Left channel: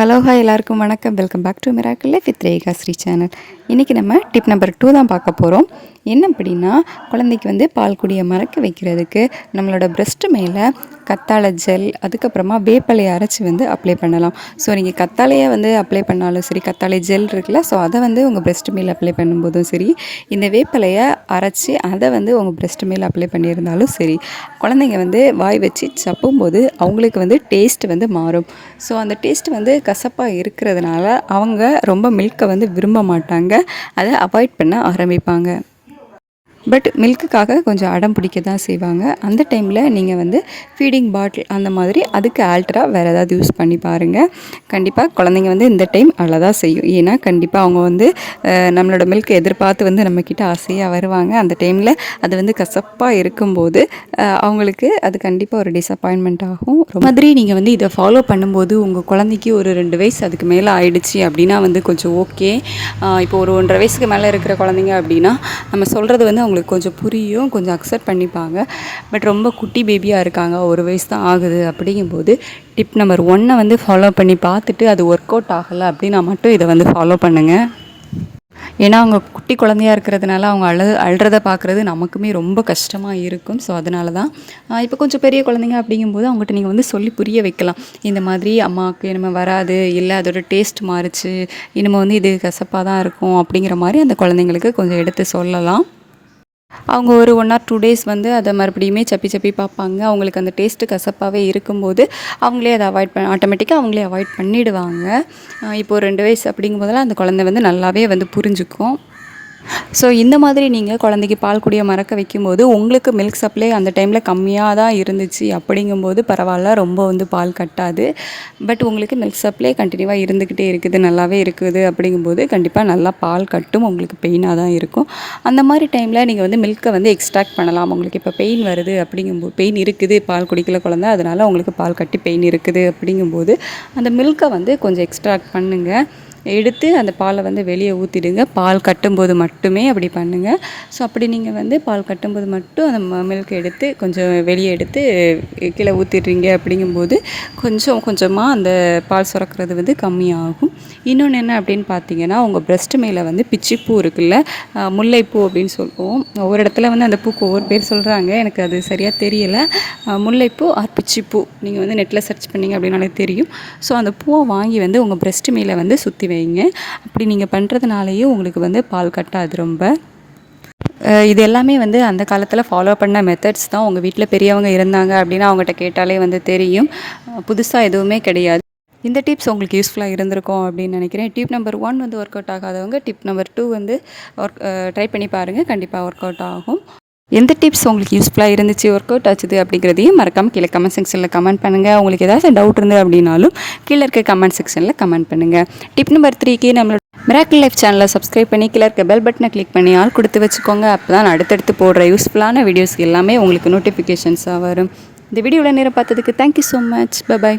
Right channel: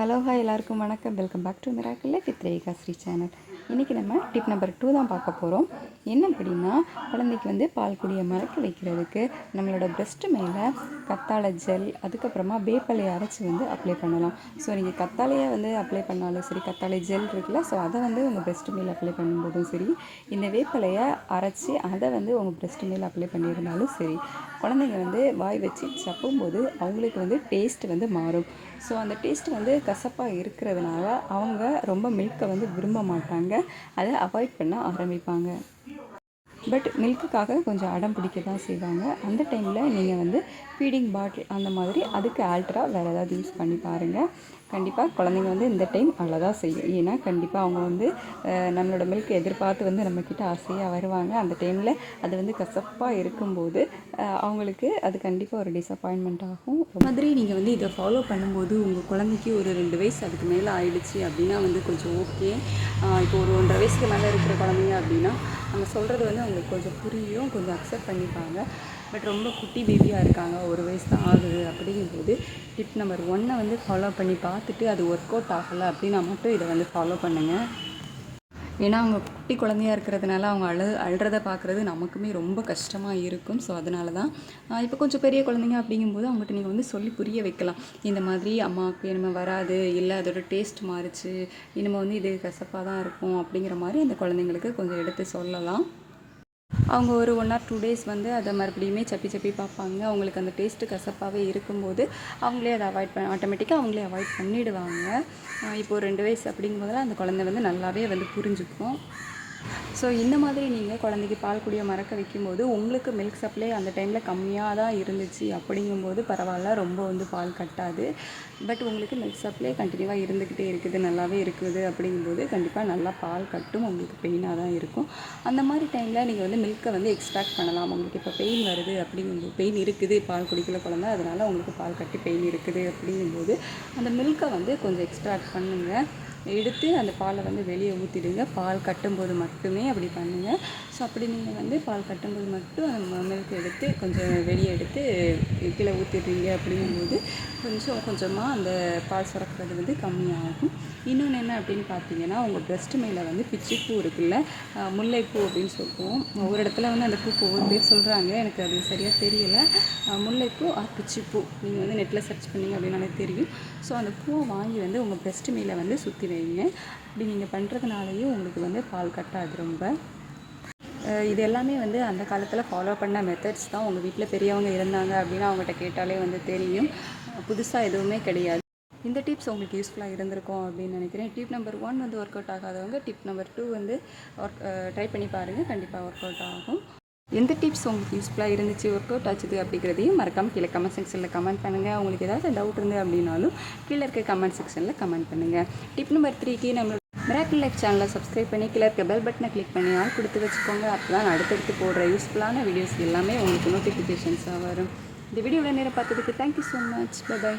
Hello hi எல்லாருக்கும் வணக்கம். Welcome back to miracle with Rekha Sri channel இன்றைக்கி நம்ம டிப் நம்பர் டூ தான் பார்க்க போகிறோம் என்ன அப்படின்னா குழந்தைக்கு வந்து பால் குடியை மறக்க வைக்கிறதுக்கு நம்மளோட பிரஸ்ட் மேலே கத்தாழை ஜெல் அதுக்கப்புறமா வேப்பலையை அரைச்சி வந்து அப்ளை பண்ணலாம். ஸோ நீங்கள் கத்தாழையை வந்து அப்ளை பண்ணாலும் சரி கத்தாழை ஜெல் இருக்குல்ல ஸோ அதை வந்து உங்கள் பிரஸ்ட் மேல் அப்ளை பண்ணும்போதும் சரி இந்த வேப்பலையை அரைச்சி அதை வந்து உங்கள் பிரஸ்ட் மேல் அப்ளை பண்ணியிருந்தாலும் சரி குழந்தைங்க வந்து வாய் வச்சு சப்பும்போது அவங்களுக்கு வந்து டேஸ்ட் வந்து மாறும். ஸோ அந்த டேஸ்ட் வந்து கசப்பாக இருக்கிறதுனால அவங்க ரொம்ப மில்கை வந்து விரும்ப மாட்டாங்க. அதை அவாய்ட் பண்ண ஆரம்பிப்பாங்க. பட் மில்க்குக்காக கொஞ்சம் அடம் பிடிக்க தான் செய்வாங்க. அந்த டைமில் நீங்கள் வந்து ஃபீடிங் பாட்டில் அந்த மாதிரி அதுக்கு ஆல்ட்ரா வேறு ஏதாவது யூஸ் பண்ணி பாருங்கள் கண்டிப்பாக குழந்தைங்க வந்து இந்த டைம் அழதான் செய்யும். ஏன்னா கண்டிப்பாக அவங்க வந்து நம்மளோட மில்க் எதிர்பார்த்து வந்து நம்மக்கிட்ட ஆசையாக வருவாங்க. அந்த டைமில் அது வந்து கசப்பாக இருக்கும்போது அவங்களுக்கு அது கண்டிப்பாக ஒரு டிசப்பாயின்மெண்ட் ஆகும். ரொம்ப மாதிரி நீங்கள் வந்து இதை ஃபாலோ பண்ணும்போது உங்கள் குழந்தைக்கு ஒரு ரெண்டு வயசு அதுக்கு மேலே ஆயிடுச்சு அப்படின்னா வந்து கொஞ்சம் ஓகே இப்போ ஒரு ஒன்றரை வயசுக்கு மேலே இருக்கிற குழந்தைங்க அப்படின்னா நம்ம சொல்கிறது வந்து அவங்களுக்கு கொஞ்சம் புரியும் கொஞ்சம் அக்செப்ட் பண்ணிப்பாங்க. பட் ரொம்ப குட்டி பேபியாக இருக்காங்க. ஒரு வயசு தான் ஆகுது அப்படிங்கும்போது டிப் நம்பர் ஒன்னை வந்து ஃபாலோ பண்ணி பார்த்துட்டு அது ஒர்க் அவுட் ஆகலை அப்படின்னா மட்டும் இதை வந்து ஃபாலோ பண்ணுங்கள் ஏன்னா அவங்க குட்டி குழந்தையா இருக்கிறதுனால அவங்க அழு அழுறத பார்க்குறது நமக்குமே ரொம்ப கஷ்டமாக இருக்கும். ஸோ அதனால தான் இப்போ கொஞ்சம் பெரிய குழந்தைங்க அப்படிங்கும்போது அவங்ககிட்ட நீங்கள் வந்து சொல்லி புரிய வைக்கலாம். இந்த மாதிரி அம்மாவுக்கு இனிமேல் வராது இல்லை அதோட டேஸ்ட் மாறிச்சு இனிமேல் வந்து இது கசப்பாக தான் இருக்கும் அப்படிங்கிற மாதிரி அந்த குழந்தைங்களுக்கு கொஞ்சம் எடுத்து சொல்லலாம். அவங்க ஒரு ஒன் ஆர் டூ டேஸ் வந்து அதை மறுபடியுமே சப்பி சப்பி பார்ப்பாங்க. அவங்களுக்கு அந்த டேஸ்ட்டு கசப்பாகவே இருக்கும்போது அவங்களே அதை அவாய்ட் பண்ண ஆட்டோமேட்டிக்காக அவங்களே அவாய்ட் பண்ணிடுவாங்க. இப்போது இப்போ ரெண்டு வயசு அப்படிங்கும்போதெல்லாம் அந்த குழந்தை வந்து நல்லாவே வந்து புரிஞ்சுக்கும். ஸோ இந்த மாதிரி நீங்கள் குழந்தைக்கு பால் குடிய மறக்க வைக்கும்போது உங்களுக்கு மில்க் சப்ளை அந்த டைமில் கம்மியாக தான் இருந்துச்சு அப்படிங்கும்போது பரவாயில்ல ரொம்ப வந்து பால் கட்டாது. பட் உங்களுக்கு மில்க் சப்ளை கண்டினியூவாக இருந்துக்கிட்டே இருக்குது நல்லாவே இருக்குது அப்படிங்கும்போது கண்டிப்பாக நல்லா பால் கட்டும் உங்களுக்கு பெயினாக தான் இருக்கும். அந்த மாதிரி டைமில் நீங்கள் வந்து மில்க்கை வந்து எக்ஸ்ட்ராக்ட் பண்ணலாம். உங்களுக்கு இப்போ பெயின் வருது அப்படிங்கும்போது பெயின் இருக்குது பால் குடிக்கல குழந்த அதனால் உங்களுக்கு பால் கட்டி பெயின் இருக்குது அப்படிங்கும்போது அந்த மில்க்கை வந்து கொஞ்சம் எக்ஸ்ட்ராக்ட் பண்ணுங்கள் எடுத்து அந்த பாலை வந்து வெளியே ஊற்றிடுங்க பால் கட்டும்போது மட்டுமே அப்படி பண்ணுங்கள் ஸோ அப்படி நீங்கள் வந்து பால் கட்டும்போது மட்டும் அந்த மில்க் எடுத்து கொஞ்சம் வெளியே எடுத்து கீழே ஊற்றிடுறீங்க அப்படிங்கும்போது கொஞ்சம் கொஞ்சமாக அந்த பால் சுரக்கிறது வந்து கம்மியாகும். இன்னொன்று என்ன அப்படின்னு பார்த்தீங்கன்னா உங்கள் பிரஸ்ட் மேலே வந்து பிச்சிப்பூ இருக்குல்ல முல்லைப்பூ அப்படின்னு சொல்லுவோம். ஒவ்வொரு இடத்துல வந்து அந்த பூக்கு ஒவ்வொரு பேர் சொல்கிறாங்க எனக்கு அது சரியாக தெரியலை. முல்லைப்பூ ஆர் பிச்சிப்பூ. நீங்கள் வந்து நெட்டில் சர்ச் பண்ணீங்க அப்படின்னாலே தெரியும். ஸோ அந்த பூவை வாங்கி வந்து உங்கள் பிரஸ்ட் மேலே வந்து சுற்றி வைங்க. அப்படி நீங்கள் பண்ணுறதுனாலேயும் உங்களுக்கு வந்து பால் கட்டாது ரொம்ப. இது எல்லாமே வந்து அந்த காலத்தில் ஃபாலோ பண்ண மெத்தட்ஸ் தான் உங்கள் வீட்டில் பெரியவங்க இருந்தாங்க அப்படின்னா அவங்ககிட்ட கேட்டாலே வந்து தெரியும். புதுசாக எதுவுமே கிடையாது. இந்த டிப்ஸ் உங்களுக்கு யூஸ்ஃபுல்லாக இருந்திருக்கும் அப்படின்னு நினைக்கிறேன். டிப் நம்பர் ஒன் வந்து ஒர்க் அவுட் ஆகாதவங்க டிப் நம்பர் டூ வந்து ஒர்க் ட்ரை பண்ணி பாருங்கள் கண்டிப்பாக ஒர்க் அவுட் ஆகும். எந்த டிப்ஸ் உங்களுக்கு யூஸ்ஃபுல்லாக இருந்துச்சு ஒர்க் அவுட் ஆச்சுது அப்படிங்கிறதையும் மறக்காமல் கீழே கமெண்ட் செக்ஷனில் கமெண்ட் பண்ணுங்கள் உங்களுக்கு ஏதாவது டவுட் இருந்து அப்படின்னாலும் கீழே இருக்க கமெண்ட் செக்ஷனில் கமெண்ட் பண்ணுங்கள் டிப் நம்பர் த்ரீக்கு நம்மளோட மிராக்கிள் லைஃப் சேனலை சப்ஸ்கிரைப் பண்ணி கீழே இருக்க பெல் பட்டனை கிளிக் பண்ணி ஆள் கொடுத்து வச்சுக்கோங்க. அப்போ தான் அடுத்தடுத்து போடுற யூஸ்ஃபுல்லான வீடியோஸ் எல்லாமே உங்களுக்கு நோட்டிஃபிகேஷன்ஸாக வரும். இந்த வீடியோவில் நேரம் பார்த்ததுக்கு தேங்க்யூ ஸோ மச் பை